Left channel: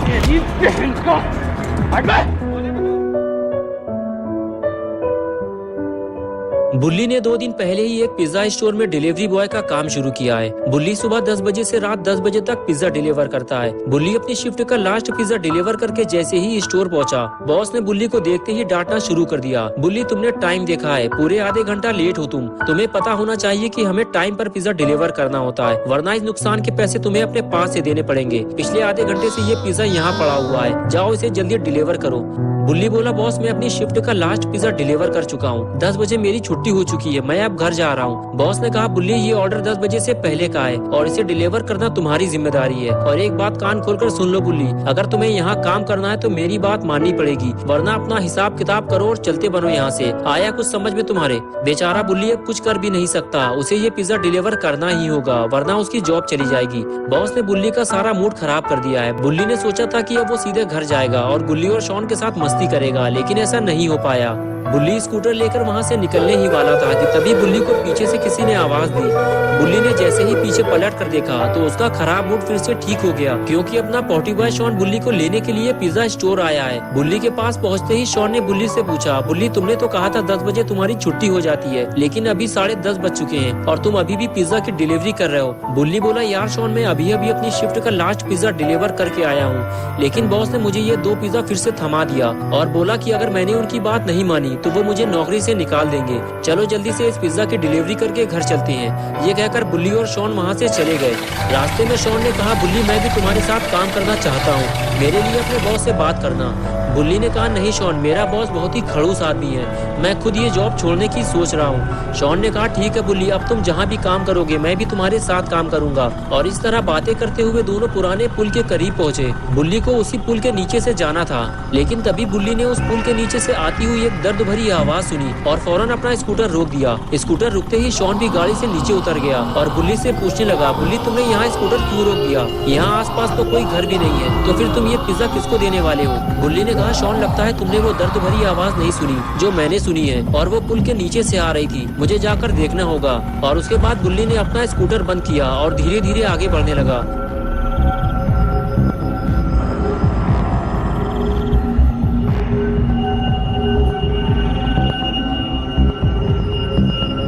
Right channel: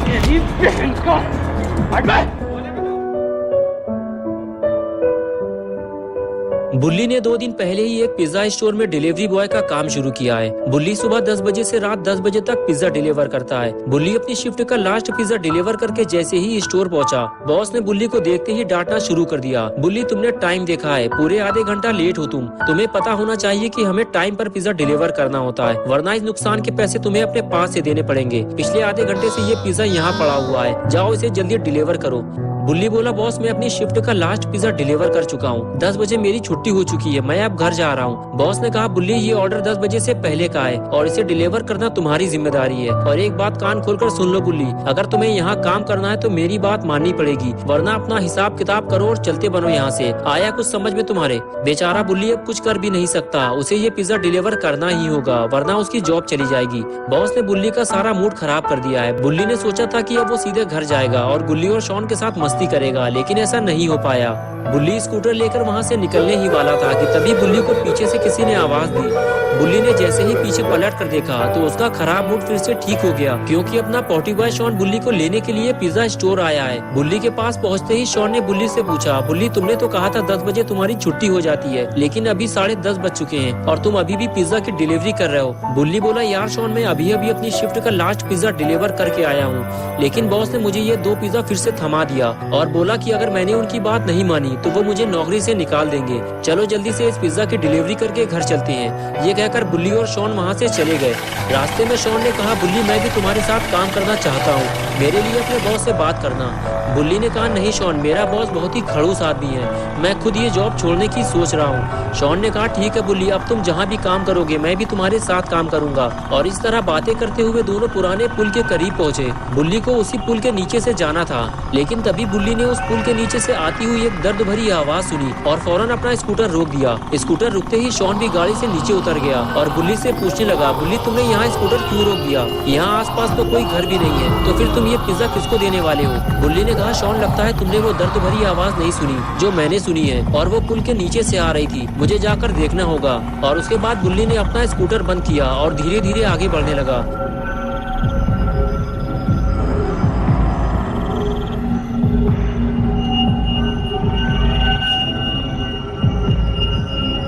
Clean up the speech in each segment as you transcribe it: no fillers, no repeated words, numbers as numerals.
तेरी बहन का बुल्ली ने 2 दिन पहले ही एक पिज्जा स्टोर में डिलीवरी बॉय का काम शुरू किया है। बुल्ली सुबह 10 बजे से रात 10 बजे तक पिज्जा डिलीवर करता है। बुल्ली अपनी शिफ्ट का लास्ट पिज्जा डिलीवर करके जैसे ही स्टोर पहुंचा, बॉस ने बुल्ली को देखते ही डांटना शुरू कर दिया। बुल्ली, तुमने टाइम देखा है, पूरे आधे घंटा लेट हो तुम्हें पता होना चाहिए कि हमें टाइम पर पिज्जा डिलीवर करना होता है, वरना इस नुकसान के पैसे तुम्हें अपने पास से देने पड़ेंगे। पिछले आधे घंटे से ये पिज्जा यहाँ पड़ा हुआ है, जाओ इसे जल्दी डिलीवर करो। बुल्ली बोला, बॉस मैं अपनी शिफ्ट का लास्ट पिज्जा डिलीवर कर चुका हूँ, 10 बजे मेरी छुट्टी हो चुकी है, मैं अब घर जा रहा हूँ। बॉस ने कहा, बुल्ली ये ऑर्डर 10 बजे से पहले का है और इसे डिलीवर करना तुम्हारी जिम्मेदारी है। और एक बात कान खोलकर सुन लो बुल्ली, अगर तुम्हें यहाँ काम करना है तो मेरी बात माननी पड़ेगी, वरना अपना हिसाब किताब करो और चलते बनो यहाँ से। आया कुछ समझ में तुम्हारे? बेचारा बुल्ली अब कुछ कर भी नहीं सकता, उसे ये पिज्जा डिलीवर करना ही होगा, वरना उसकी जॉब चली जाएगी। बॉस ने बुल्ली का सारा मूड खराब कर दिया है। बुल्ली ने सोचा था कि अब वो सीधे घर जाएगा और गुल्ली और शॉन के साथ मस्ती करेगा, लेकिन ऐसा नहीं हो पाया। बुल्ली स्कूटर लेकर वहाँ से निकलने ही वाला था कि तभी बुल्ली को पीछे से किसी ने आवाज दी। बुल्ली ने जैसे ही पीछे पलट कर देखा तो उसका खराब मूड फिर से ठीक हो गया, क्योंकि अपना पॉटी बॉय शॉन बुल्ली को लेने के लिए पिज्जा स्टोर आया है। बुल्ली के पास पहुँचते ही शॉन ने बुल्ली से पूछा, बुल्ली तुमने तो कहा था 10 बजे तुम्हारी छुट्टी हो जाती है, लेकिन अभी 10:30 बज चुके हैं और तुम अभी भी पिज्जा की डिलीवरी कर रहे हो। बुल्ली बोला, यार शॉन मैं अभी अपनी शिफ्ट का लास्ट पिज्जा डिलीवर करके आया हूँ, लेकिन बॉस ने मुझे ये 2 पिज्जा फिर से थमा दिया और बोला कि अगर मैंने उनकी बात नहीं मानी तो वो मुझे नौकरी से निकाल देंगे। चलो जल्दी से इस पिज्जा की डिलीवरी करके घर चलते हैं। ये कहकर बुल्ली और शॉन वहाँ से चले गए। रास्ते में शॉन ने कहा, बुल्ली मैं भी तुम्हारे साथ काम करना चाहता हूँ, मेरे लिए अपने बॉस से बात करना। बुल्ली ने कहा, नहीं शॉन, मेरा बॉस बहुत ही खड़ूस आदमी है, मैं खुद ये जॉब छोड़ने की सोच रहा हूँ। शॉन ने कहा, ठीक है बुल्ली, अब तुम जहाँ भी काम करोगे मैं भी तुम्हारे साथ काम करूंगा। और इस तरह बातें करते हुए दोनों पुराने पुल के करीब पहुँचे। बुल्ली को उसी पुल के नीचे से जाना था, लेकिन तभी बुल्ली ने उस पुल के नीचे से आती हुई एक दर्द भरी आवाज सुनी और फौरन अपना स्कूटर रोक दिया। स्कूटर रुकते ही शॉन भी गाड़ी से नीचे उतर गया और बुल्ली से पूछने लगा, बुल्ली तुमने यहाँ स्कूटर क्यों रोक दिया? यहाँ आसपास तो कोई घर भी नहीं है, तो फिर तुम ये पिज्जा किसको देने वाले हो? बुल्ली ने कहा, शॉन लगता है तुमने वो दर्द भरी आवाज नहीं सुनी जो मैंने सुनी है, और वो पुल के नीचे से आ रही थी, मुझे जाकर देखना होगा। और उसके बाद बुल्ली ने अपना स्कूटर बंद किया और धीरे धीरे आगे बढ़ने लगा।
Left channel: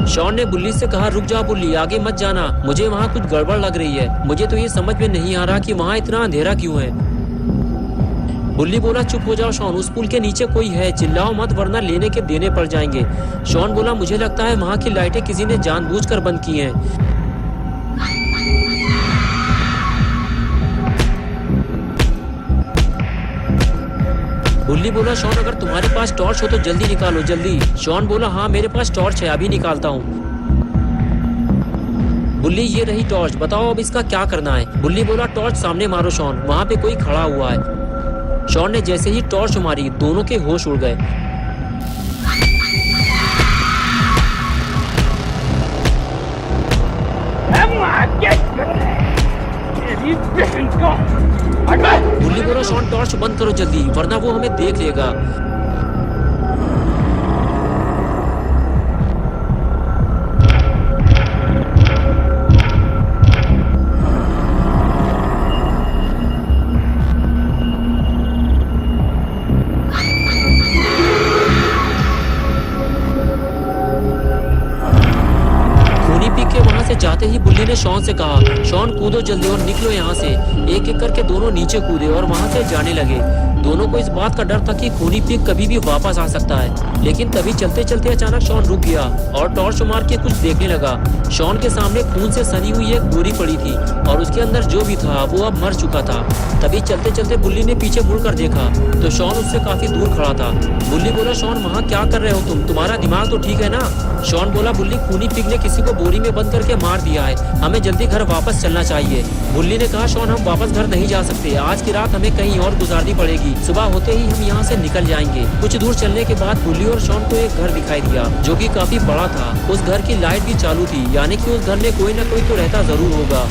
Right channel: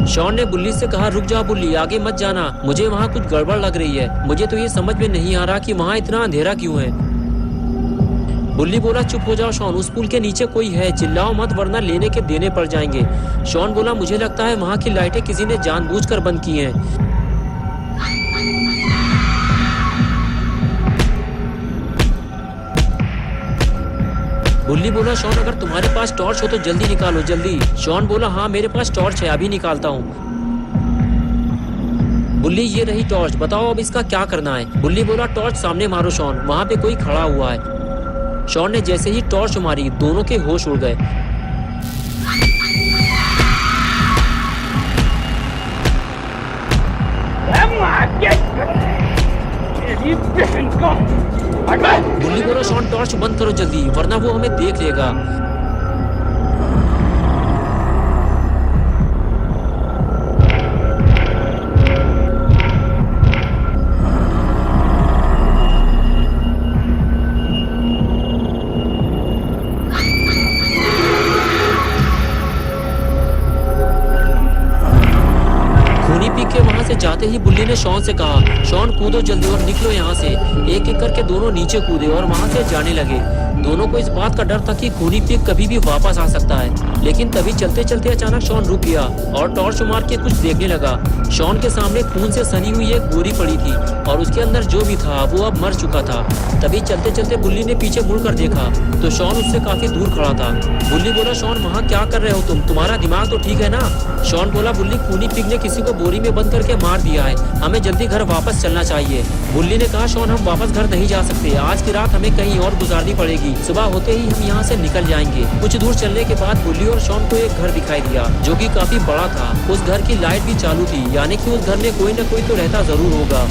शॉन ने बुल्ली से कहा, रुक जाओ बुल्ली, आगे मत जाना, मुझे वहाँ कुछ गड़बड़ लग रही है, मुझे तो ये समझ में नहीं आ रहा कि वहाँ इतना अंधेरा क्यों है। बुल्ली बोला, चुप हो जाओ शॉन, उस पुल के नीचे कोई है, चिल्लाओ मत वरना लेने के देने पड़ जाएंगे। शॉन बोला, मुझे लगता है वहाँ की लाइटें किसी ने जानबूझकर बंद की हैं। बुल्ली बोला, शॉन अगर तुम्हारे पास टॉर्च हो तो जल्दी निकालो, जल्दी। शॉन बोला, हाँ मेरे पास टॉर्च है, अभी निकालता हूँ। बुल्ली, ये रही टॉर्च, बताओ अब इसका क्या करना है? बुल्ली बोला, टॉर्च सामने मारो शॉन, वहाँ पे कोई खड़ा हुआ है। शॉन ने जैसे ही टॉर्च मारी दोनों के होश उड़ गए। बुल्ली बोला, शॉन टॉर्च बंद करो जल्दी, वरना वो हमें देख लेगा। जाते ही बुल्ली ने शॉन से कहा, शॉन कूदो जल्दी और निकलो यहाँ से। एक एक करके दोनों नीचे कूदे और वहाँ से जाने लगे। दोनों को इस बात का डर था कि खूनी पिग कभी भी वापस आ सकता है, लेकिन तभी चलते चलते अचानक शॉन रुक गया और टॉर्च मार के कुछ देखने लगा। शॉन के सामने खून से सनी हुई एक बोरी पड़ी थी और उसके अंदर जो भी था वो अब मर चुका था। तभी चलते चलते बुल्ली ने पीछे मुड़कर देखा तो शॉन उससे काफी दूर खड़ा था। बुल्ली बोला, शॉन वहाँ क्या कर रहे हो तुम? तुम्हारा दिमाग तो ठीक है ना? शॉन बोला, बुल्ली खूनी पिग ने किसी को बोरी में बंद करके मार दिया है, हमें जल्दी घर वापस चलना चाहिए। बुल्ली ने कहा, शॉन हम वापस घर नहीं जा सकते, आज की रात हमें कहीं और गुजारनी पड़ेगी, सुबह होते ही हम यहाँ से निकल जाएंगे। कुछ दूर चलने के बाद बुल्ली और शॉन को एक घर दिखाई दिया जो कि काफी बड़ा था। उस घर की लाइट भी चालू थी, यानी कि उस घर में कोई न कोई तो रहता जरूर होगा।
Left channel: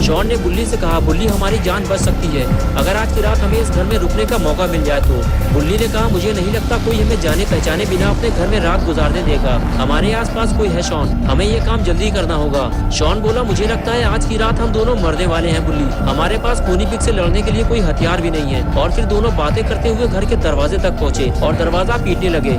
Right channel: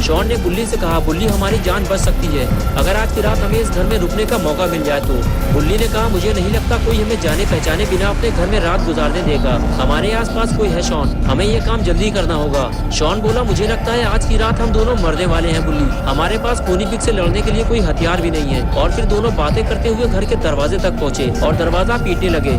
शॉन ने बुल्ली से कहा, बुल्ली हमारी जान बच सकती है अगर आज की रात हमें इस घर में रुकने का मौका मिल जाए तो। बुल्ली ने कहा, मुझे नहीं लगता कोई हमें जाने पहचाने बिना अपने घर में रात गुजारने देगा। हमारे आसपास कोई है शॉन, हमें ये काम जल्दी करना होगा। शॉन बोला, मुझे लगता है आज की रात हम दोनों मरने वाले हैं बुल्ली। हमारे पास खूनी पिग से लड़ने के लिए कोई हथियार भी नहीं है। और फिर दोनों बातें करते हुए घर के दरवाजे तक पहुँचे और दरवाजा पीटने लगे।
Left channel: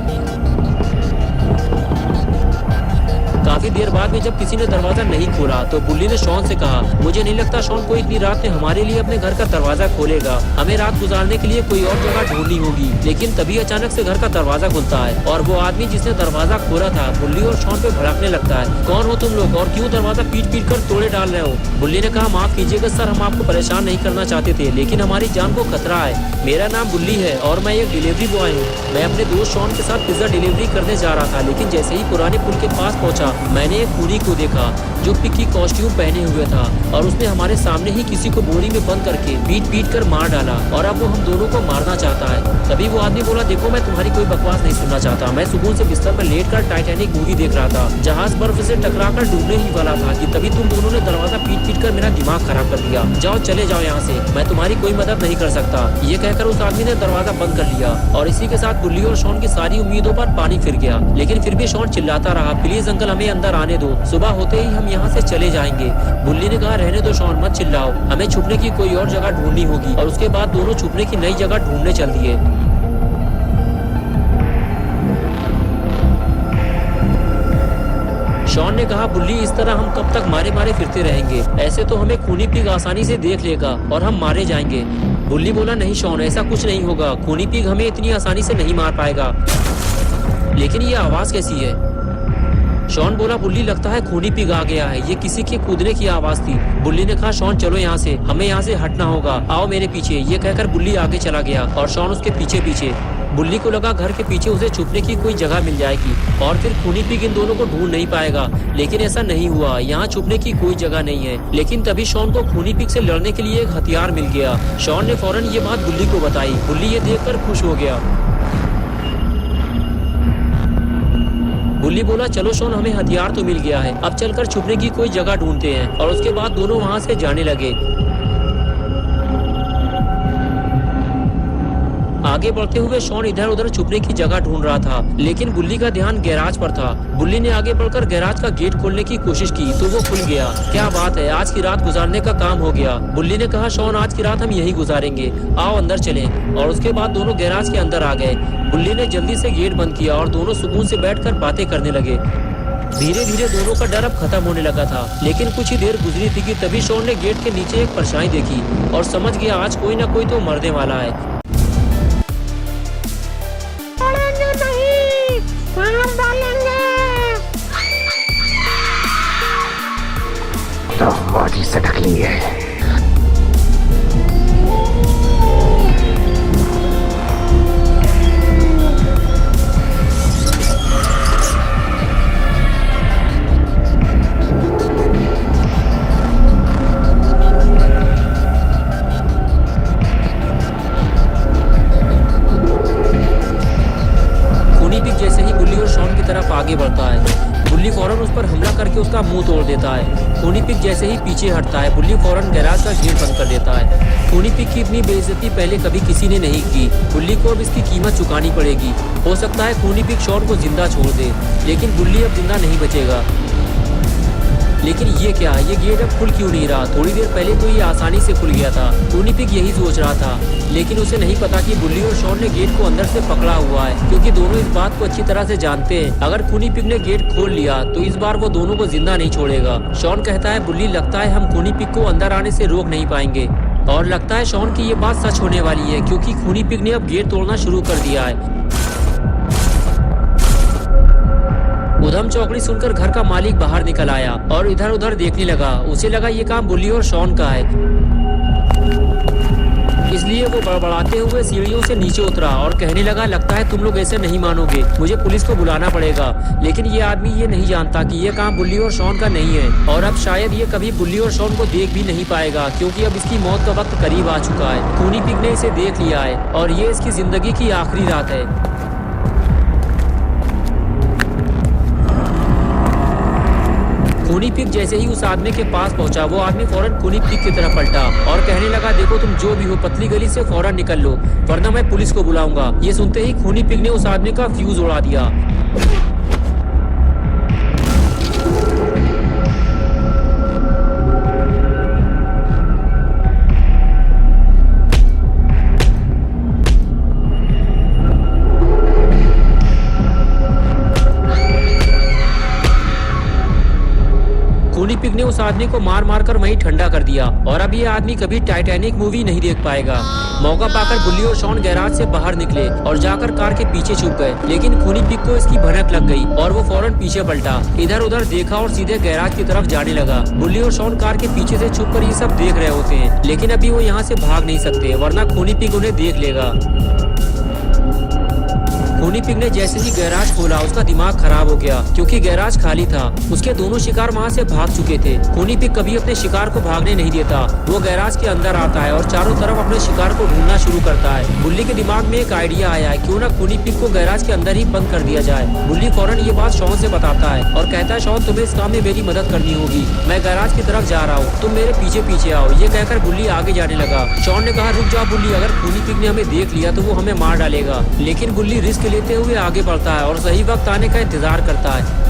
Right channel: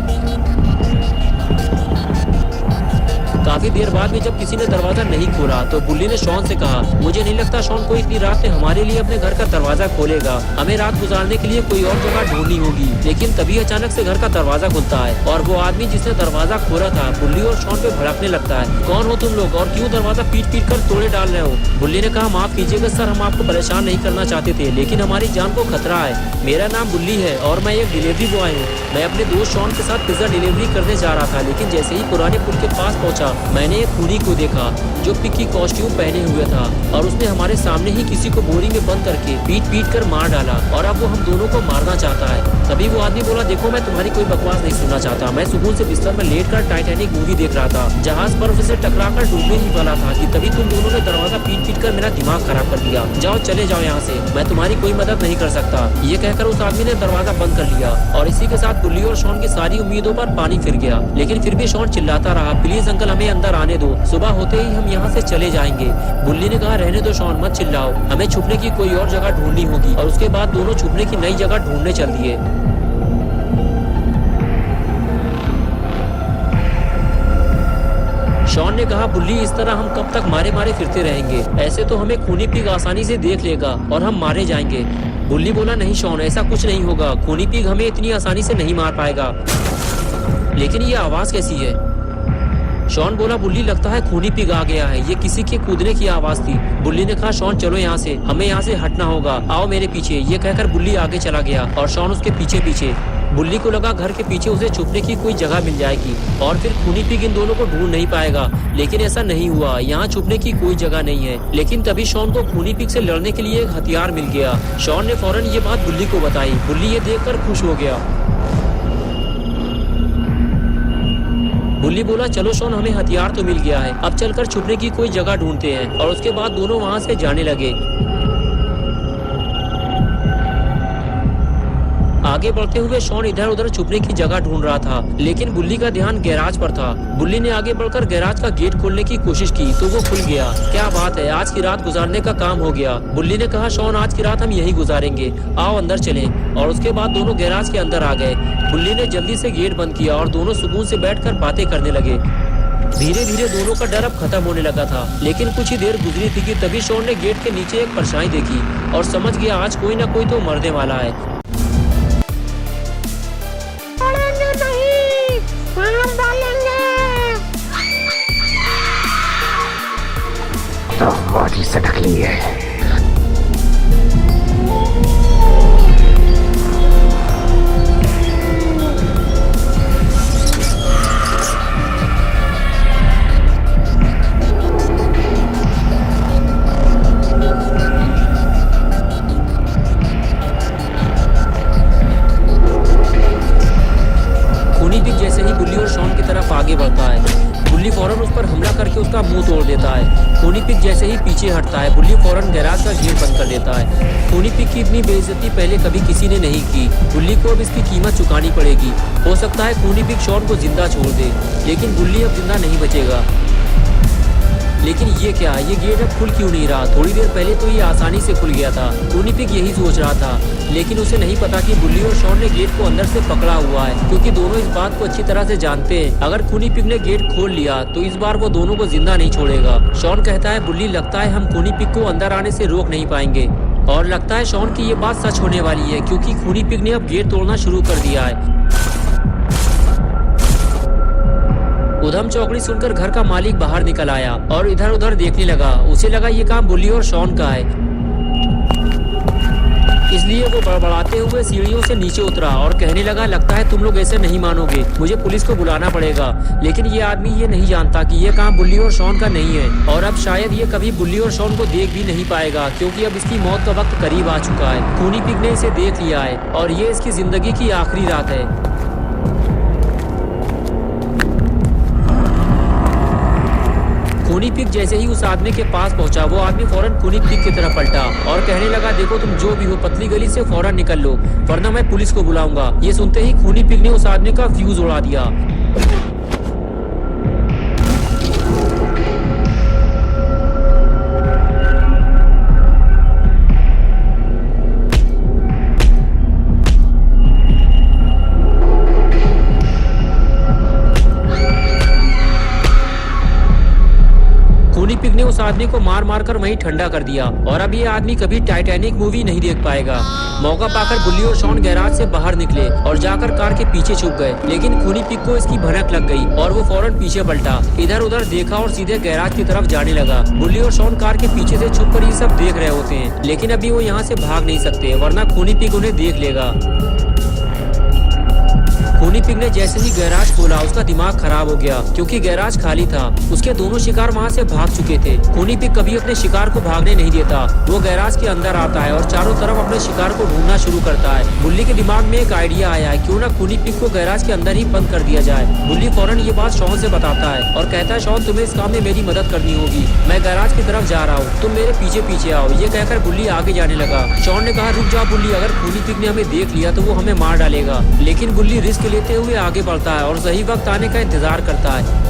काफी देर बाद में जब किसी ने दरवाजा नहीं खोला तो बुल्ली ने शॉन से कहा, मुझे नहीं लगता शॉन को इतनी रात में हमारे लिए अपने घर का दरवाजा खोलेगा। हमें रात गुजारने के लिए कोई और जगह ढूंढनी होगी। लेकिन तभी अचानक से घर का दरवाजा खुलता है और वो आदमी जिसने दरवाजा खोला था बुल्ली और शॉन पे भड़कने लगता है। कौन हो तुम लोग और क्यों दरवाजा पीट पीट कर तोड़े डाल रहे हो? बुल्ली ने कहा, माफ कीजिएगा सर, हम आपको परेशान नहीं करना चाहते थे लेकिन हमारी जान को खतरा है। मेरा नाम बुल्ली है और मैं एक डिलीवरी बॉय हूँ। मैं अपने दोस्त शॉन के साथ पिज्जा डिलीवरी करने जा रहा था, लेकिन जैसे ही पुराने पुल के पास पहुँचा मैंने एक खूनी को देखा जो पिग की कॉस्ट्यूम पहने हुए था और उसने हमारे सामने ही किसी को बोरी में बंद करके पीट पीट कर मार डाला और अब वो हम दोनों को मारना चाहता है। तभी वो आदमी बोला, देखो मैं तुम्हारी कोई बकवास नहीं सुनना चाहता। मैं सुकून से बिस्तर में लेटकर टाइटैनिक मूवी देख रहा था। जहाज बर्फ से टकराकर डूबने ही वाला था कि तभी तुम दोनों ने दरवाजा पीट पीट कर मेरा दिमाग खराब कर दिया। जाओ चले जाओ यहाँ से, मैं तुम्हारी कोई मदद नहीं कर सकता। ये कहकर उस आदमी ने दरवाजा बंद कर लिया और इसी के साथ बुल्ली और शॉन की सारी उम्मीदों पर पानी फिर गया। लेकिन फिर भी शॉन चिल्लाता रहा, प्लीज अंकल हमें अंदर आने दो, सुबह होते ही हम यहाँ से चले जाएंगे। बुल्ली ने कहा, रहने दो शॉन, मत चिल्लाओ, हमें छुपने की कोई और जगह ढूंढनी होगी। और उसके बाद दोनों छुपने की नई जगह ढूंढने चल दिए। शॉन ने कहा, बुल्ली इस तरह हम कब तक मारे मारे फिरते रहेंगे? ऐसे तो हमें खूनी पिग आसानी से देख लेगा और हम मारे जाएंगे। बुल्ली बोला, नहीं शॉन, ऐसा कुछ नहीं होगा, खूनी पिग हमें इतनी आसानी से नहीं मार पाएगा। लेकिन ये आवाज कैसी है? शॉन बोला, बुल्ली लगता है खूनी पिग आ गया है, ये किसी के कूदने की आवाज थी। बुल्ली ने कहा, शॉन चलो यहाँ से, हमें यहाँ से हटना होगा, आओ मेरे पीछे। ये कहकर बुल्ली आगे चला गया और शॉन उसके पीछे पीछे। बुल्ली को लगा घर के पीछे उसे छुपने की कोई जगह मिल जाएगी और फिर खूनी पिग इन दोनों को ढूंढ नहीं पाएगा। लेकिन ऐसा नहीं हुआ, यहाँ छुपने की कोई जगह नहीं है। लेकिन तभी शॉन को खूनी पिग से लड़ने के लिए एक हथियार मिल गया। शॉन ने फौरन ये बात बुल्ली को बताई। बुल्ली ये देखकर खुश हो गया। बुल्ली बोला, चलो शॉन, हमें हथियार तो मिल गया है, अब चलकर छुपने की कोई जगह ढूंढते हैं। और उसके बाद दोनों वहाँ से जाने लगे। आगे बढ़ते हुए शॉन इधर उधर छुपने की जगह ढूंढ रहा था, लेकिन बुल्ली का ध्यान गैराज पर था। बुल्ली ने आगे बढ़कर गैराज का गेट खोलने की कोशिश की तो वो खुल गया। क्या बात है, आज की रात गुजारने का काम हो गया। बुल्ली ने कहा, शॉन आज की रात हम यही गुजारेंगे, आओ अंदर चलें। और उसके बाद दोनों गैराज के अंदर आ गए। बुल्ली ने जल्दी से गेट बंद किया और दोनों सुकून से बैठकर बातें करने लगे। धीरे धीरे दोनों का डर अब खत्म होने लगा था। लेकिन कुछ ही देर गुजरी थी कि तभी शॉन ने गेट के नीचे एक परछाई देखी और समझ गया आज कोई ना कोई तो मरने वाला है। तो बॉडी से ढकली है। खूनी पिग जैसे ही बुल्ली और शॉन की तरफ आगे बढ़ता है, बुल्ली फौरन उस पर हमला करके उसका मुंह तोड़ देता है। खूनी पिग जैसे ही पीछे हटता है, बुल्ली फौरन गैराज का गेट बंद कर देता है। खूनी पिग की इतनी बेइज्जती पहले कभी किसी ने नहीं की। बुल्ली को अब इसकी कीमत चुकानी पड़ेगी। हो सकता है खूनी पिग शॉन को जिंदा छोड़ दे, लेकिन बुल्ली अब जिंदा नहीं बचेगा। लेकिन ये क्या, ये गेट अब खुल क्यों नहीं रहा? थोड़ी देर पहले तो ये आसानी से खुल गया था। खूनी पिग यही सोच रहा था, लेकिन उसे नहीं पता कि बुल्ली और शॉन ने गेट को अंदर से पकड़ा हुआ है, क्योंकि दोनों इस बात को अच्छी तरह से जानते हैं। अगर खूनी पिग ने गेट खोल लिया तो इस बार वो दोनों को जिंदा नहीं छोड़ेगा। शॉन कहता है, बुल्ली लगता है हम खूनी पिग को अंदर आने से रोक नहीं पाएंगे। और लगता है शॉन की ये बात सच होने वाली है, क्योंकि खूनी पिग ने अब गेट तोड़ना शुरू कर दिया है। उधम चौकड़ी सुनकर घर का मालिक बाहर निकल आया और इधर उधर देखने लगा। उसे लगा ये काम बुल्ली और शॉन का है, इसलिए वो बड़बड़ाते हुए सीढ़ियों से नीचे उतरा और कहने लगा, लगता है तुम लोग ऐसे नहीं मानोगे, मुझे पुलिस को बुलाना पड़ेगा। लेकिन ये आदमी ये नहीं जानता कि ये काम बुल्ली और शॉन का नहीं है और अब शायद ये कभी बुल्ली और शॉन को देख भी नहीं पाएगा, क्योंकि अब इसकी मौत का वक्त करीब आ चुका है। खूनी पिग ने इसे देख लिया है और ये इसकी जिंदगी की आखिरी रात है। खूनी पिग जैसे ही उस आदमी के पास पहुंचा, वो आदमी फौरन खूनी पिग की तरफ पलटा और कहने लगा, देखो तुम जो भी हो पतली गली से फौरन निकल लो, वरना मैं पुलिस को बुलाऊंगा। ये सुनते ही खूनी पिग ने उस आदमी का फ्यूज उड़ा दिया। खूनी पिग ने उस आदमी को मार मार कर वहीं ठंडा कर दिया और अब ये आदमी कभी टाइटैनिक मूवी नहीं देख पाएगा। मौका पाकर बुल्ली और शॉन गैराज से बाहर निकले और जाकर कार के पीछे छुप गए, लेकिन खूनी पिग को इसकी भनक लग गई और वो फौरन पीछे पलटा, इधर उधर देखा और सीधे गैराज की तरफ जाने लगा। बुल्ली और शॉन कार के पीछे से छुपकर ये सब देख रहे होते हैं, लेकिन अभी वो यहाँ से भाग नहीं सकते, वरना खूनी पिग उन्हें देख लेगा। खूनी पिग ने जैसे ही गैराज खोला, उसका दिमाग खराब हो गया क्योंकि गैराज खाली था। उसके दोनों शिकार वहाँ से भाग चुके थे। खूनी पिग कभी अपने शिकार को भागने नहीं देता। वो गैराज के अंदर आता है और चारों तरफ अपने शिकार को ढूंढना शुरू करता है। बुल्ली के दिमाग में एक आइडिया आया है, क्यों ना खूनी पिग को गैराज के अंदर ही बंद कर दिया जाए। बुल्ली फौरन ये बात शॉन से बताता है और कहता है, शॉन तुम्हें इस काम में मेरी मदद करनी होगी, मैं गैराज की तरफ जा रहा हूँ, तुम मेरे पीछे पीछे आओ। ये कहकर बुल्ली आगे जाने लगा। शॉन ने कहा, रुक जा बुल्ली, अगर खूनी पिग ने हमें देख लिया तो वो हमें मार डालेगा। लेकिन बुल्ली रिस्क लेते हुए आगे बढ़ता है और सही वक्त आने का इंतजार करता है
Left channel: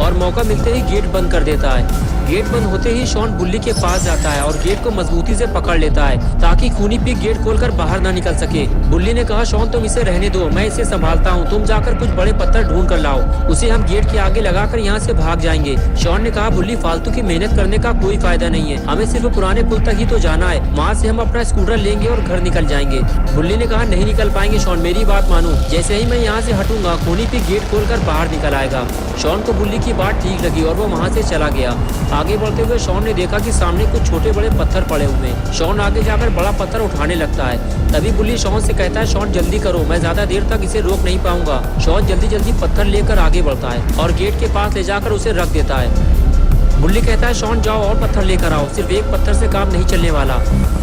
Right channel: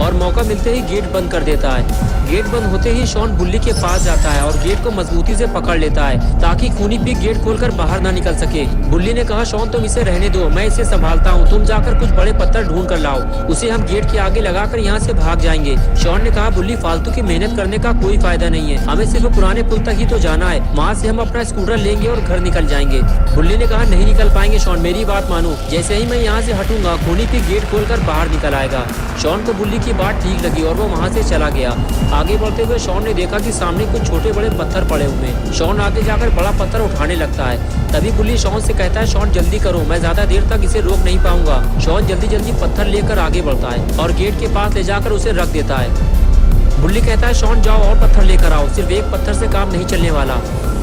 और मौका मिलते ही गेट बंद कर देता है। गेट बंद होते ही शॉन बुल्ली के पास जाता है और गेट को मजबूती से पकड़ लेता है ताकि खूनी पिग गेट खोलकर बाहर ना निकल सके। बुल्ली ने कहा, शॉन तुम इसे रहने दो, मैं इसे संभालता हूँ, तुम जाकर कुछ बड़े पत्थर ढूंढ कर लाओ, उसे हम गेट के आगे लगाकर यहाँ से भाग जाएंगे। शॉन ने कहा, बुल्ली फालतू की मेहनत करने का कोई फायदा नहीं है, हमें सिर्फ पुराने पुल तक ही तो जाना है, वहाँ से हम अपना स्कूटर लेंगे और घर निकल जाएंगे। बुल्ली ने कहा, नहीं निकल पाएंगे शॉन, मेरी बात मानो, जैसे ही मैं यहाँ से हटूंगा खूनी पिग गेट खोलकर बाहर निकल आएगा। शॉन को बुल्ली की बात ठीक लगी और वो वहाँ से चला गया। आगे बढ़ते हुए शॉन ने देखा कि सामने कुछ छोटे बड़े पत्थर पड़े हुए हैं। शॉन आगे जाकर बड़ा पत्थर उठाने लगता है। तभी बुल्ली शॉन से कहता है, शॉन जल्दी करो, मैं ज्यादा देर तक इसे रोक नहीं पाऊंगा। शॉन जल्दी जल्दी पत्थर लेकर आगे बढ़ता है और गेट के पास ले जाकर उसे रख देता है। बुल्ली कहता है, शॉन जाओ और पत्थर लेकर आओ, सिर्फ एक पत्थर से काम नहीं चलने वाला।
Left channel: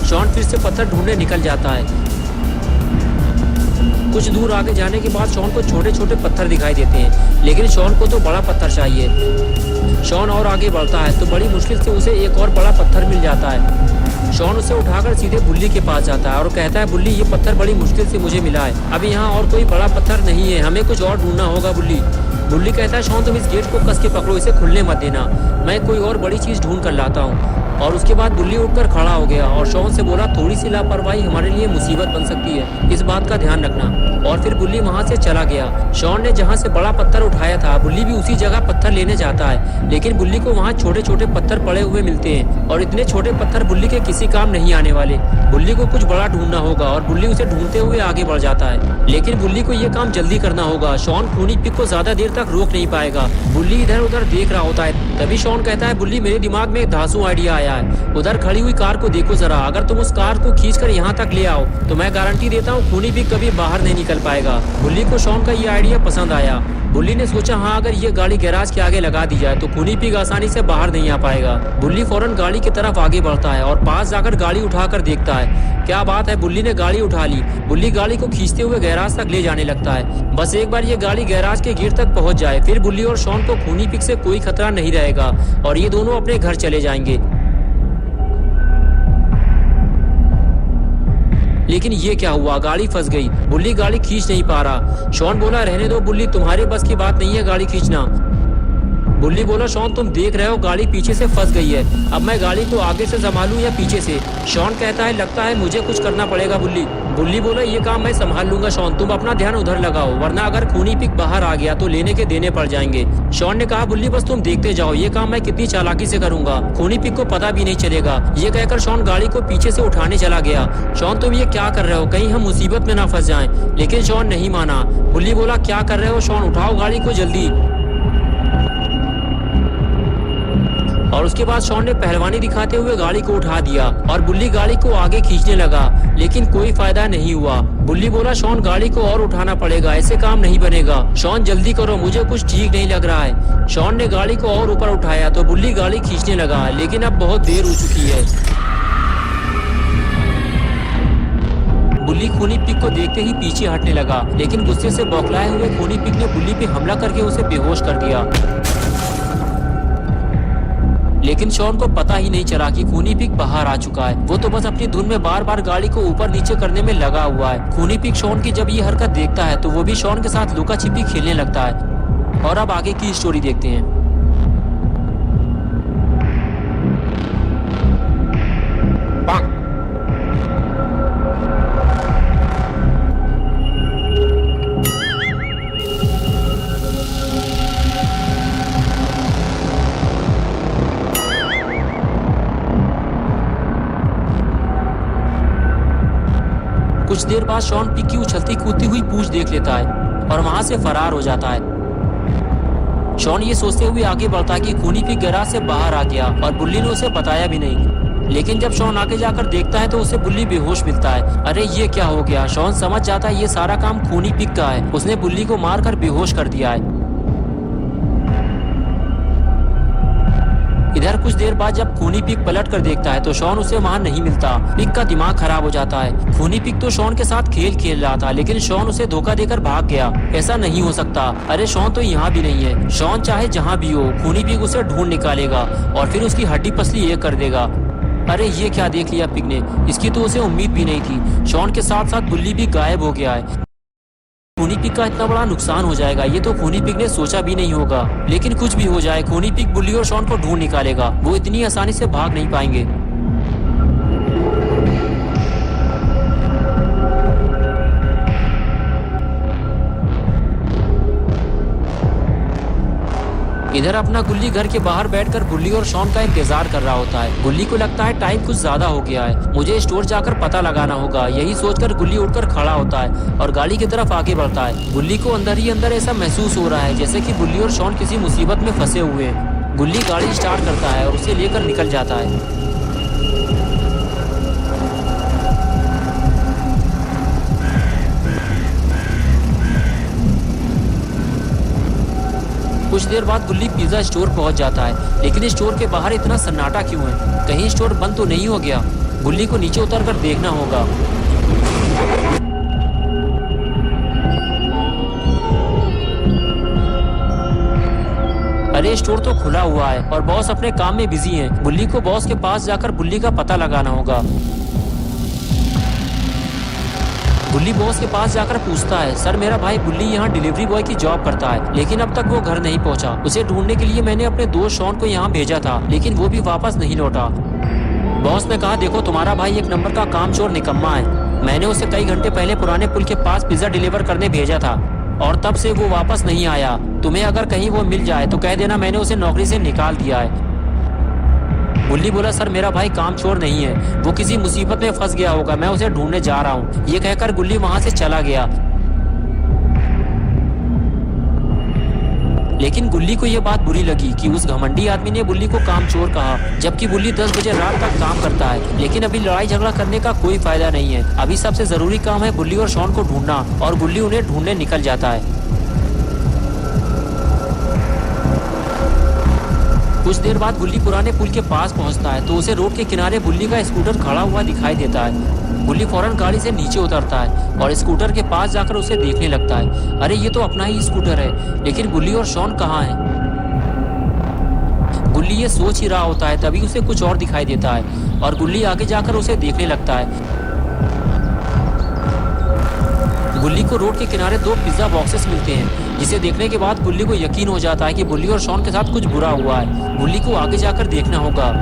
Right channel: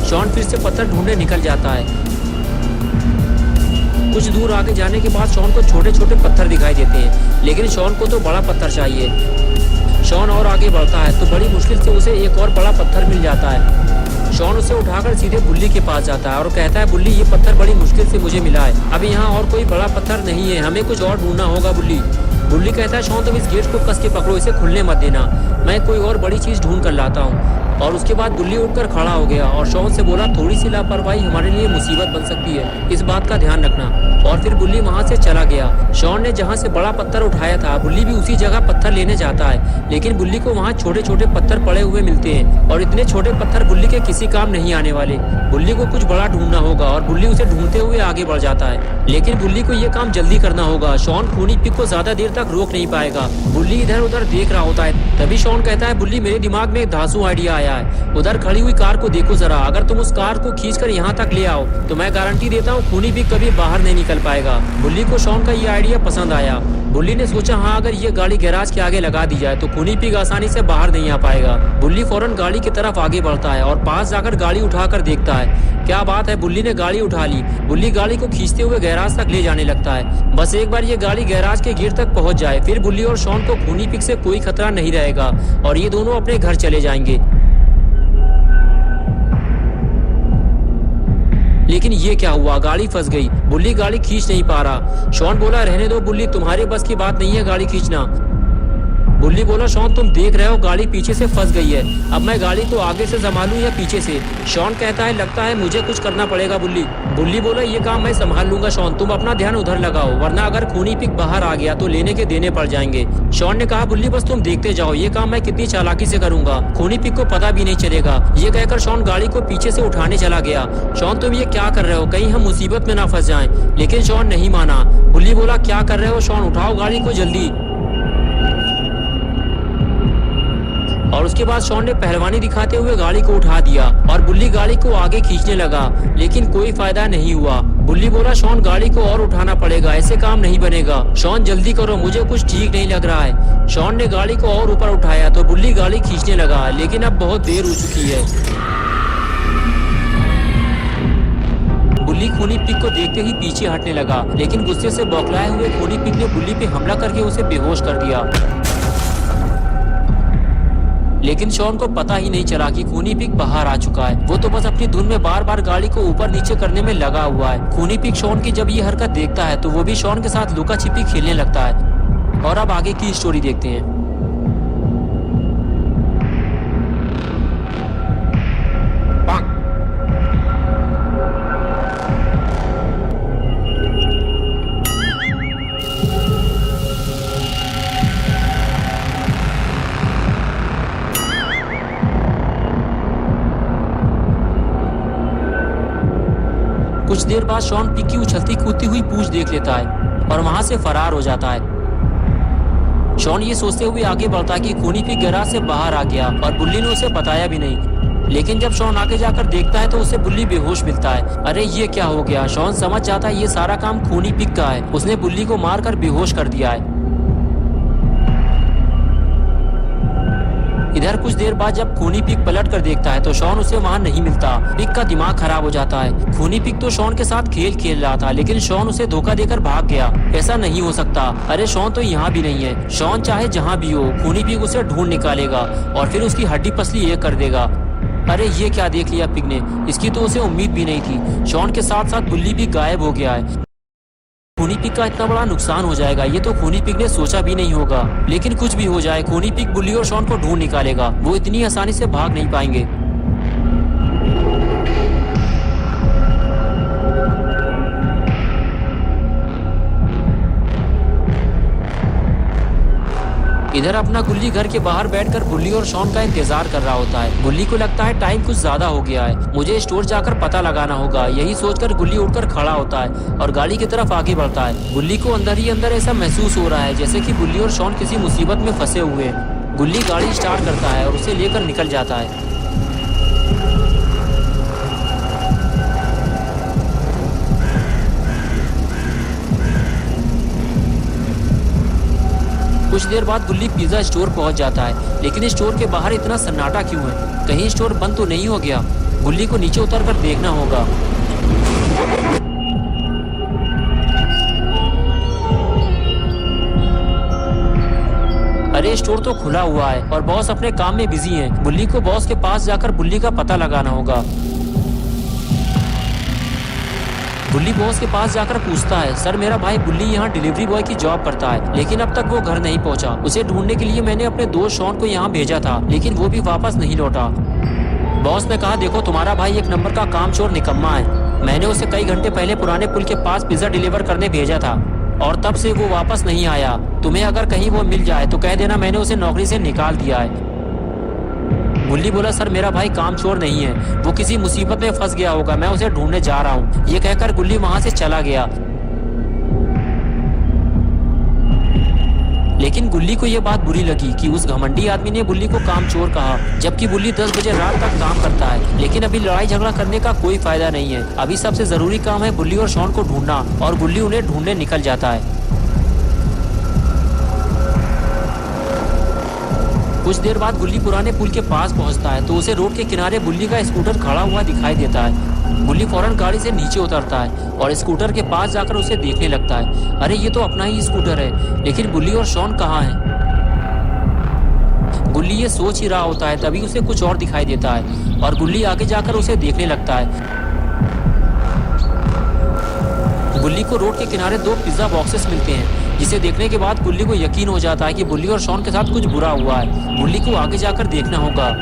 शॉन फिर से पत्थर ढूंढने निकल जाता है। कुछ दूर आगे जाने के बाद शॉन को छोटे छोटे पत्थर दिखाई देते हैं, लेकिन शॉन को तो बड़ा पत्थर चाहिए। शॉन और आगे बढ़ता है तो बड़ी मुश्किल से उसे एक और बड़ा पत्थर मिल जाता है। शॉन उसे उठाकर सीधे बुल्ली के पास जाता है और कहता है, बुल्ली ये पत्थर बड़ी मुश्किल से मुझे मिला है, अभी यहाँ और कोई बड़ा पत्थर नहीं है, हमें कुछ और ढूंढना होगा बुल्ली। बुल्ली कहता है, शॉन तुम इस गेट को कस के पकड़ो, इसे खुलने मत देना, मैं कोई और बड़ी चीज ढूंढ कर लाता हूँ। और उसके बाद बुल्ली उठकर खड़ा हो गया और शॉन से बोला, थोड़ी सी लापरवाही हमारे लिए मुसीबत बन सकती है, इस बात का ध्यान रखना। और फिर बुल्ली वहाँ से चला गया। शॉन ने जहाँ से बड़ा पत्थर उठाया था, बुल्ली भी उसी जगह पत्थर लेने जाता है, लेकिन बुल्ली को वहाँ छोटे छोटे पत्थर पड़े हुए मिलते हैं और इतने छोटे पत्थर बुल्ली के किसी काम नहीं आने वाले। बुल्ली को कुछ बड़ा ढूंढना होगा और बुल्ली उसे ढूंढते हुए आगे बढ़ जाता है, लेकिन बुल्ली को ये काम जल्दी करना होगा। शॉन खूनी पिग को ज्यादा देर तक रोक नहीं पाएगा। बुल्ली इधर उधर देख रहा होता है। तभी शॉन कहता है, बुल्ली मेरे दिमाग में एक धांसू आइडिया आया है, उधर खड़ी हुई कार को देखो जरा, अगर तुम उस कार को खींचकर यहाँ तक ले आओ तो मैं गारंटी देता हूँ खूनी पिग कभी बाहर नहीं निकल पाएगा। बुल्ली को शॉन का ये आइडिया पसंद आया। बुल्ली ने सोचा, हाँ अगर ये गाड़ी गैराज के आगे लगा दी जाए तो खूनी पिग आसानी से बाहर नहीं आ पाएगा। बुल्ली फौरन गाड़ी की तरफ आगे बढ़ता है और पास जाकर गाड़ी उठाकर देखता है। क्या बात है, बुल्ली ने गाड़ी उठा ली। बुल्ली गाड़ी को खींचते हुए गैराज तक ले जाने लगता है। बस एक बार ये गाड़ी गैराज के गेट तक पहुंच जाए, फिर बुल्ली और शॉन को खूनी पिग से कोई खतरा नहीं रहेगा और ये दोनों अपने घर चले जाएंगे। लेकिन ये क्या हुआ, गाड़ी फंस गई। बुल्ली गाड़ी खींच नहीं पा रहा। शॉन बोला, रहने दो बुल्ली, तुम्हारे बस की बात नहीं है गाड़ी खींचना। बुल्ली बोला, शॉन तुम देख रहे हो गाड़ी पीछे से फंस गई है, अब मैं गाड़ी को आगे से संभालूं या पीछे से। शॉन कहता है, लगता है मुझे कुछ करना पड़ेगा बुल्ली। बुल्ली बोला, ये काम मैं संभाल लूंगा शॉन, तुम अपना ध्यान उधर लगाओ, वरना अगर खूनी पिग बाहर आ गया तो लेने के देने पड़ जाएंगे। शॉन ने कहा, बुल्ली बस तुम देखते जाओ, ये काम मैं कितनी चालाकी से करूंगा, खूनी पिग को पता भी नहीं चलेगा। ये कहकर शॉन गाड़ी को पीछे से उठाने चला गया। शॉन तुम ये क्या कर रहे हो, कहीं हम मुसीबत में ना फंस जाएं। लेकिन शॉन नहीं माना। बुल्ली बोला, क्या कर रहे हो शॉन, उठाओ गाड़ी को जल्दी। और उसके बाद शॉन ने पहलवानी दिखाते हुए गाड़ी को उठा दिया और बुल्ली गाड़ी को आगे खींचने लगा, लेकिन कोई फायदा नहीं हुआ। बुल्ली बोला, शॉन गाड़ी को और उठाना पड़ेगा, ऐसे काम नहीं बनेगा। शॉन जल्दी करो, मुझे कुछ ठीक नहीं लग रहा है। शॉन ने गाड़ी को और ऊपर उठाया तो बुल्ली गाड़ी खींचने लगा, लेकिन अब बहुत देर हो चुकी है। बुल्ली खूनी पिग को देखते ही पीछे हटने लगा, लेकिन गुस्से से बौखलाए हुए खूनी पिग ने बुल्ली पे हमला करके उसे बेहोश कर दिया। लेकिन शॉन को पता ही नहीं चला कि खूनी पिग बाहर आ चुका है। वो तो बस अपनी धुन में बार बार गाड़ी को ऊपर नीचे करने में लगा हुआ है। खूनी पिग शॉन की जब ये हरकत देखता है तो वो भी शॉन के साथ लुका छिपी खेलने लगता है। और अब आगे की स्टोरी देखते हैं। कुछ देर बाद शॉन पिग की उछलती कूदती हुई पूंछ देख लेता है और वहां से फरार हो जाता है। शॉन ये सोचते हुए आगे बढ़ता है कि खूनी पिग गैराज से बाहर आ गया और बुल्ली ने उसे बताया भी नहीं। लेकिन जब शॉन आगे जाकर देखता है तो उसे बुल्ली बेहोश मिलता है। अरे ये क्या हो गया? शॉन समझ जाता है ये सारा काम खूनी पिग का है। उसने बुल्ली को मारकर बेहोश कर दिया है। इधर कुछ देर बाद जब खूनी पिग पलट कर देखता है तो शॉन उसे वहाँ नहीं मिलता। पिग का दिमाग खराब हो जाता है। खूनी पिग तो शॉन के साथ खेल रहा था, लेकिन शॉन उसे धोखा देकर भाग गया। ऐसा नहीं हो सकता। अरे शॉन तो यहाँ भी नहीं है। शॉन चाहे जहाँ भी हो, खूनी पिग उसे ढूंढ निकालेगा और फिर उसकी हड्डी पसली एक कर देगा। अरे ये क्या देख लिया पिग ने? इसकी तो उसे उम्मीद भी नहीं थी। शॉन के साथ साथ बुल्ली भी गायब हो गया है। खूनी पिग का इतना बड़ा नुकसान हो जाएगा ये तो खूनी पिग ने सोचा भी नहीं होगा। लेकिन कुछ भी हो जाए, खूनी पिग बुल्ली और शॉन को ढूंढ निकालेगा। वो इतनी आसानी से भाग नहीं पाएंगे। इधर अपना गुल्ली घर के बाहर बैठकर बुल्ली और शॉन का इंतजार कर रहा होता है। गुल्ली को लगता है टाइम कुछ ज्यादा हो गया है, मुझे स्टोर जाकर पता लगाना होगा। यही सोचकर गुल्ली उठकर खड़ा होता है और गाड़ी की तरफ आगे बढ़ता है। गुल्ली को अंदर ही अंदर ऐसा महसूस हो रहा है जैसे कि बुल्ली और शॉन किसी मुसीबत में फंसे हुए हैं। गुल्ली गाड़ी स्टार्ट करता है और उसे लेकर निकल जाता है। कुछ देर बाद गुल्ली पिज्जा स्टोर पहुंच जाता है, लेकिन स्टोर के बाहर इतना सन्नाटा क्यों है? कहीं स्टोर बंद तो नहीं हो गया? गुल्ली को नीचे उतरकर देखना होगा। अरे स्टोर तो खुला हुआ है और बॉस अपने काम में बिजी हैं। गुल्ली को बॉस के पास जाकर बुल्ली का पता लगाना होगा। गुल्ली बॉस के पास जाकर पूछता है, सर मेरा भाई बुल्ली यहाँ डिलीवरी बॉय की जॉब करता है, लेकिन अब तक वो घर नहीं पहुँचा। उसे ढूंढने के लिए मैंने अपने दोस्त शॉन को यहाँ भेजा था, लेकिन वो भी वापस नहीं लौटा। बॉस ने कहा, देखो तुम्हारा भाई एक नंबर का कामचोर निकम्मा है। मैंने उसे कई घंटे पहले पुराने पुल के पास पिज्जा डिलीवर करने भेजा था और तब से वो वापस नहीं आया। तुम्हें अगर कहीं वो मिल जाए तो कह देना मैंने उसे नौकरी से निकाल दिया है। गुल्ली बोला, सर मेरा भाई कामचोर नहीं है, वो किसी मुसीबत में फंस गया होगा, मैं उसे ढूंढने जा रहा हूँ। ये कहकर गुल्ली वहां से चला गया। लेकिन गुल्ली को यह बात बुरी लगी कि उस घमंडी आदमी ने बुल्ली को कामचोर कहा, जबकि बुल्ली 10 बजे रात तक काम करता है। लेकिन अभी लड़ाई झगड़ा करने का कोई फायदा नहीं है। अभी सबसे जरूरी काम है बुल्ली और शॉन को ढूंढना, और गुल्ली उन्हें ढूंढने निकल जाता है। कुछ देर बाद गुल्ली पुराने पुल के पास पहुंचता है तो उसे रोड के किनारे बुल्ली का स्कूटर खड़ा हुआ दिखाई देता है। गुल्ली फौरन गाड़ी से नीचे उतरता है और स्कूटर के पास जाकर उसे देखने लगता है। अरे ये तो अपना ही स्कूटर है, लेकिन बुल्ली और शॉन कहाँ हैं? गुल्ली ये सोच ही रहा होता है, तभी उसे कुछ और दिखाई देता है और गुल्ली आगे जाकर उसे देखने लगता है। गुल्ली को रोड के किनारे 2 पिज्जा बॉक्सेस मिलते हैं, जिसे देखने के बाद गुल्ली को यकीन हो जाता है कि बुल्ली और शॉन के साथ कुछ बुरा हुआ है। गुल्ली को आगे जाकर देखना होगा।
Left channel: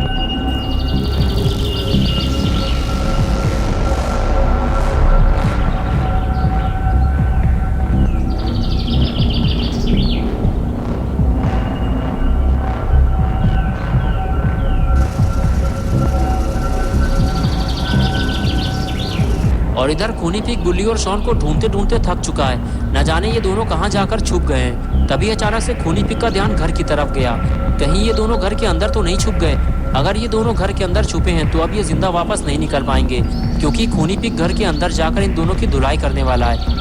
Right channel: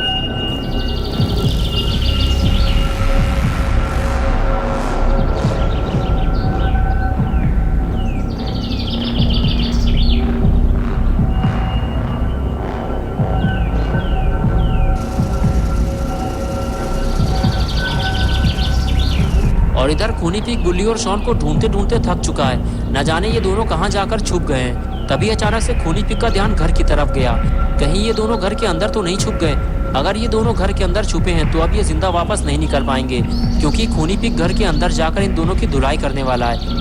और इधर खूनी पिग बुल्ली और शॉन को ढूंढते ढूंढते थक चुका है। न जाने ये दोनों कहाँ जाकर छुप गए हैं। तभी अचानक से खूनी पिग का ध्यान घर की तरफ गया। कहीं ये दोनों घर के अंदर तो नहीं छुप गए? अगर ये दोनों घर के अंदर छुपे हैं तो अब ये जिंदा वापस नहीं निकल पाएंगे, क्योंकि खूनी पिग घर के अंदर जाकर इन दोनों की धुलाई करने वाला है।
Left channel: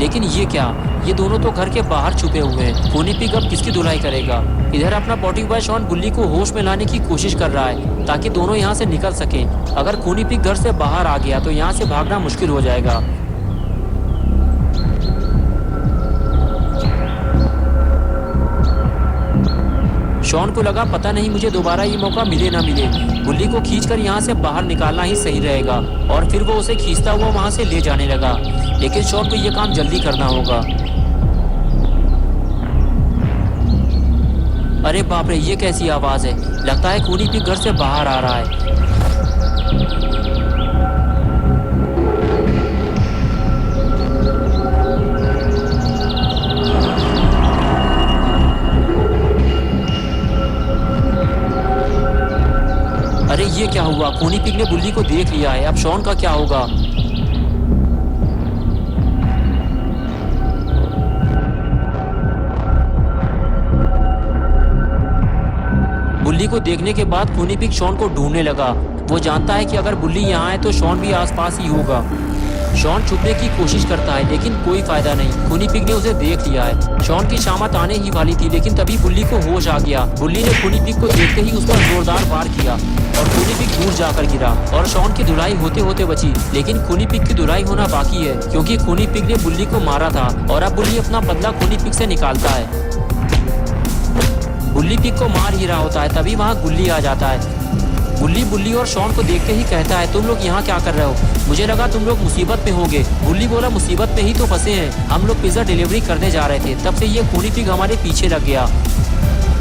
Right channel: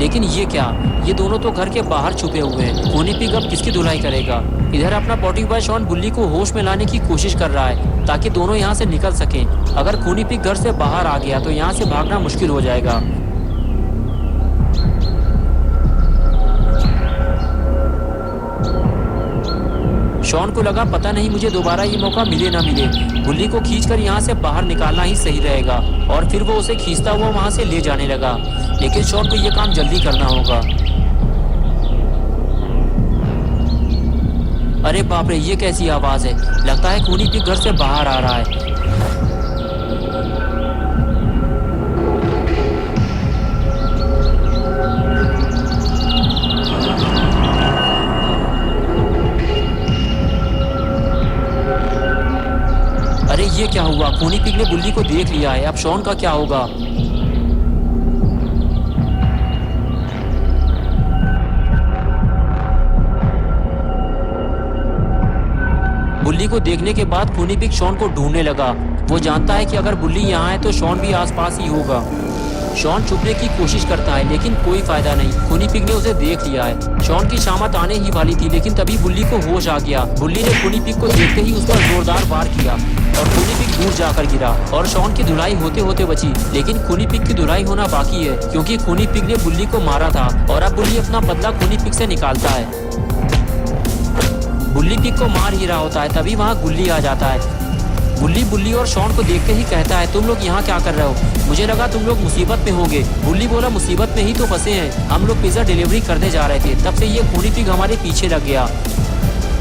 लेकिन ये क्या, ये दोनों तो घर के बाहर छुपे हुए हैं। खूनी पिग अब किसकी धुलाई करेगा? इधर अपना पॉटी बॉय शॉन बुल्ली को होश में लाने की कोशिश कर रहा है ताकि दोनों यहाँ से निकल सकें। अगर खूनी पिग घर से बाहर आ गया तो यहाँ से भागना मुश्किल हो जाएगा। शॉन को लगा पता नहीं मुझे दोबारा ये मौका मिले ना मिले। बुल्ली को खींचकर यहाँ से बाहर निकालना ही सही रहेगा और फिर वो उसे खींचता हुआ वहाँ से ले जाने लगा। लेकिन शॉन को ये काम जल्दी करना होगा। अरे बाप रे, ये कैसी आवाज है? लगता है खूनी पिग घर से बाहर आ रहा है। अरे ये क्या हुआ? खूनी पिग ने बुल्ली को देख लिया है। अब शॉन का क्या होगा? बुल्ली को देखने के बाद खूनी पिग शॉन को ढूंढने लगा। वो जानता है कि अगर बुल्ली यहाँ है तो शॉन भी आसपास ही होगा। शॉन छुपने की कोशिश करता है लेकिन कोई फायदा नहीं। खूनी पिग ने उसे देख लिया है। शॉन की शामत आने ही वाली थी लेकिन तभी बुल्ली को होश आ गया। बुल्ली ने खूनी पिग को देखते ही उस पर जोरदार वार किया और खूनी पिग दूर जाकर गिरा और शॉन की धुलाई होते होते बची। लेकिन खूनी पिग की धुलाई होना बाकी है क्योंकि खूनी पिग ने बुल्ली को मारा था और अब बुल्ली अपना बदला खूनी पिग से निकालता है। बुल्ली पिग को मार ही रहा होता है तभी वहाँ गुल्ली आ जाता है। बुल्ली और शॉन को देखते ही कहता है, तुम लोग यहाँ क्या कर रहे हो? मुझे लगा तुम लोग मुसीबत में होंगे। बुल्ली बोला, मुसीबत में ही तो फंसे हैं। हम लोग पिज्जा डिलीवरी करने जा रहे थे, तब से ये खूनी पिग हमारे पीछे लग गया।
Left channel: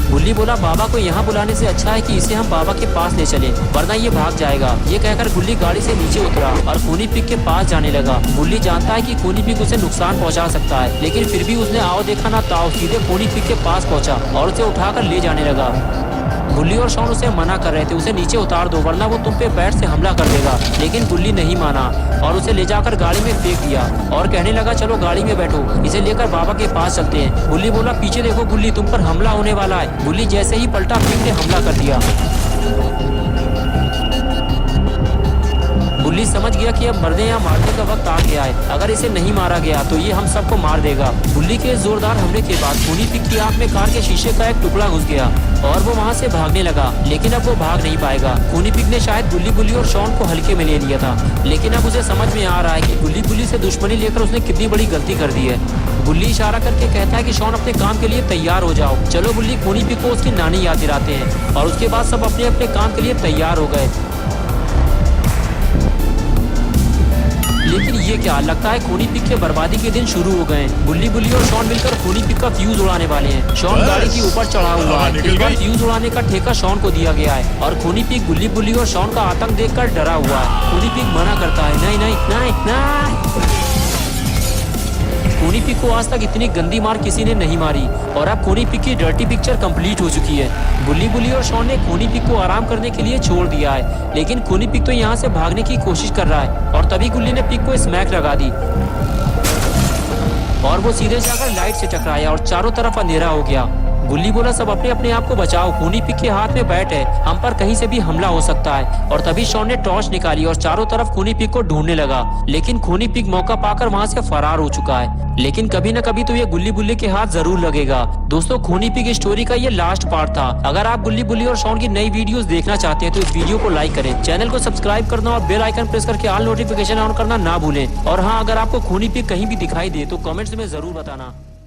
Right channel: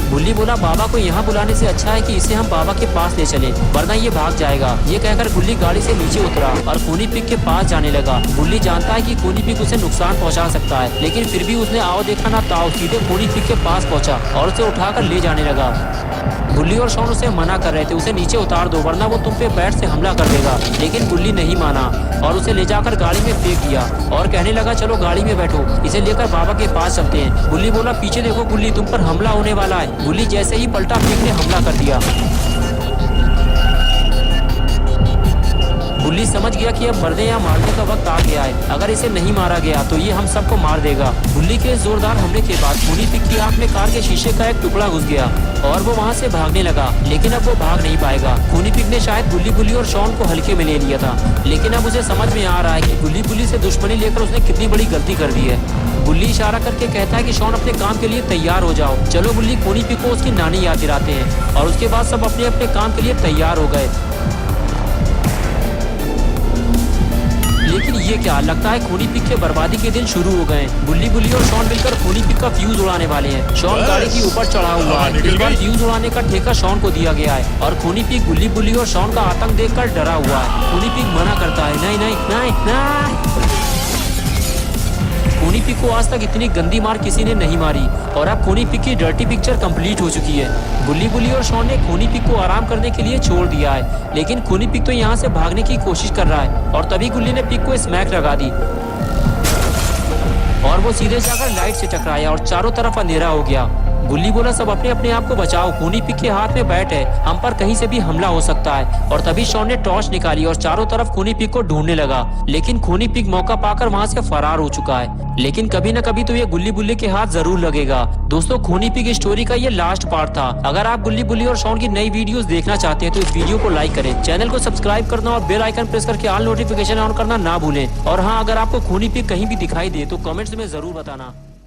बुल्ली बोला, बाबा को यहाँ बुलाने से अच्छा है कि इसे हम बाबा के पास ले चलें, वरना ये भाग जाएगा। ये कहकर बुल्ली गाड़ी से नीचे उतरा और खूनी पिग के पास जाने लगा। बुल्ली जानता है कि खूनी पिग उसे नुकसान पहुँचा सकता है लेकिन फिर भी उसने आओ देखा ना ताओ सीधे खूनी पिग के पास पहुँचा और उसे उठाकर ले जाने लगा। बुल्ली और शॉन उसे मना कर रहे थे, उसे नीचे उतार दो वरना वो तुम पे बैट से हमला कर देगा। लेकिन बुल्ली नहीं माना और उसे ले जाकर गाड़ी में फेंक दिया और कहने लगा, चलो गाड़ी में बैठो, इसे लेकर बाबा के पास चलते हैं। बुल्ली बोला, पीछे देखो बुल्ली, तुम पर हमला होने वाला है। बुल्ली जैसे ही पलटा, पिग ने हमला कर दिया। बुल्ली समझ गया कि अब मरने या मारने का वक्त आ गया है। अगर इसे नहीं मारा गया तो ये हम सबको मार देगा। बुल्ली के जोरदार हमले के बाद खूनी पिग की आंख में कार के शीशे का एक टुकड़ा घुस गया और वो वहाँ से भागने लगा। लेकिन अब वो भाग नहीं पाएगा। खूनी पिग ने शायद बुल्ली और शॉन को हल्के में ले लिया था लेकिन अब उसे समझ में आ रहा है कि बुल्ली से दुश्मनी लेकर उसने कितनी बड़ी गलती कर दी है। बुल्ली इशारा करके कहता है कि शॉन अपने काम के लिए तैयार हो जाओ। चलो बुल्ली खूनी पिग को उसकी नानी याद दिलाते हैं और उसके बाद सब अपने अपने काम के लिए तैयार हो गए। लेकिन ये क्या, लगता है खूनी पिग के बर्बादी के दिन शुरू हो गए। बुल्ली और शॉन मिलकर खूनी पिग का फ्यूज उड़ाने वाले हैं। शॉन गाड़ी के ऊपर चढ़ा हुआ है। इस बार फ्यूज उड़ाने का ठेका शॉन को दिया गया है और खूनी पिग बुल्ली और शॉन का आतंक देखकर डरा हुआ है। खूनी पिग मना करता है, नहीं नहीं नहीं नहीं। खूनी पिग को आज तक इतनी गंदी मार किसी ने नहीं मारी और अब खूनी पिग की डर्टी पिक्चर कंप्लीट हो चुकी है। बुल्ली और शॉन ने खूनी पिग को आराम करने के लिए छोड़ दिया है लेकिन खूनी पिग तो यहाँ से भागने की कोशिश कर रहा है और तभी गुल्ली ने पिग को स्मैक लगा दी और वो सीधे जाकर लाइट से टकराया और चारों तरफ अंधेरा हो गया। गुल्ली बोला, सब अपने अपने आप को बचाओ, खूनी पिग के हाथ में बैट है, हम पर कहीं से भी हमला हो सकता है। और तभी शॉन ने टॉर्च निकाली और चारों तरफ खूनी पिग को ढूंढने लगा लेकिन खूनी पिग मौका पाकर वहाँ से फरार हो चुका है। लेकिन कभी न कभी तो ये बुल्ली के हाथ जरूर लगेगा। दोस्तों, खूनी पिग स्टोरी का ये लास्ट पार्ट था। अगर आप बुल्ली और शॉन की नई वीडियोस देखना चाहते हैं तो इस वीडियो को लाइक करें, चैनल को सब्सक्राइब करना और बेल आइकन प्रेस करके ऑल नोटिफिकेशन ऑन करना ना भूलें। और हाँ, अगर आपको खूनी पिग कहीं भी दिखाई दे तो कमेंट्स में जरूर बताना।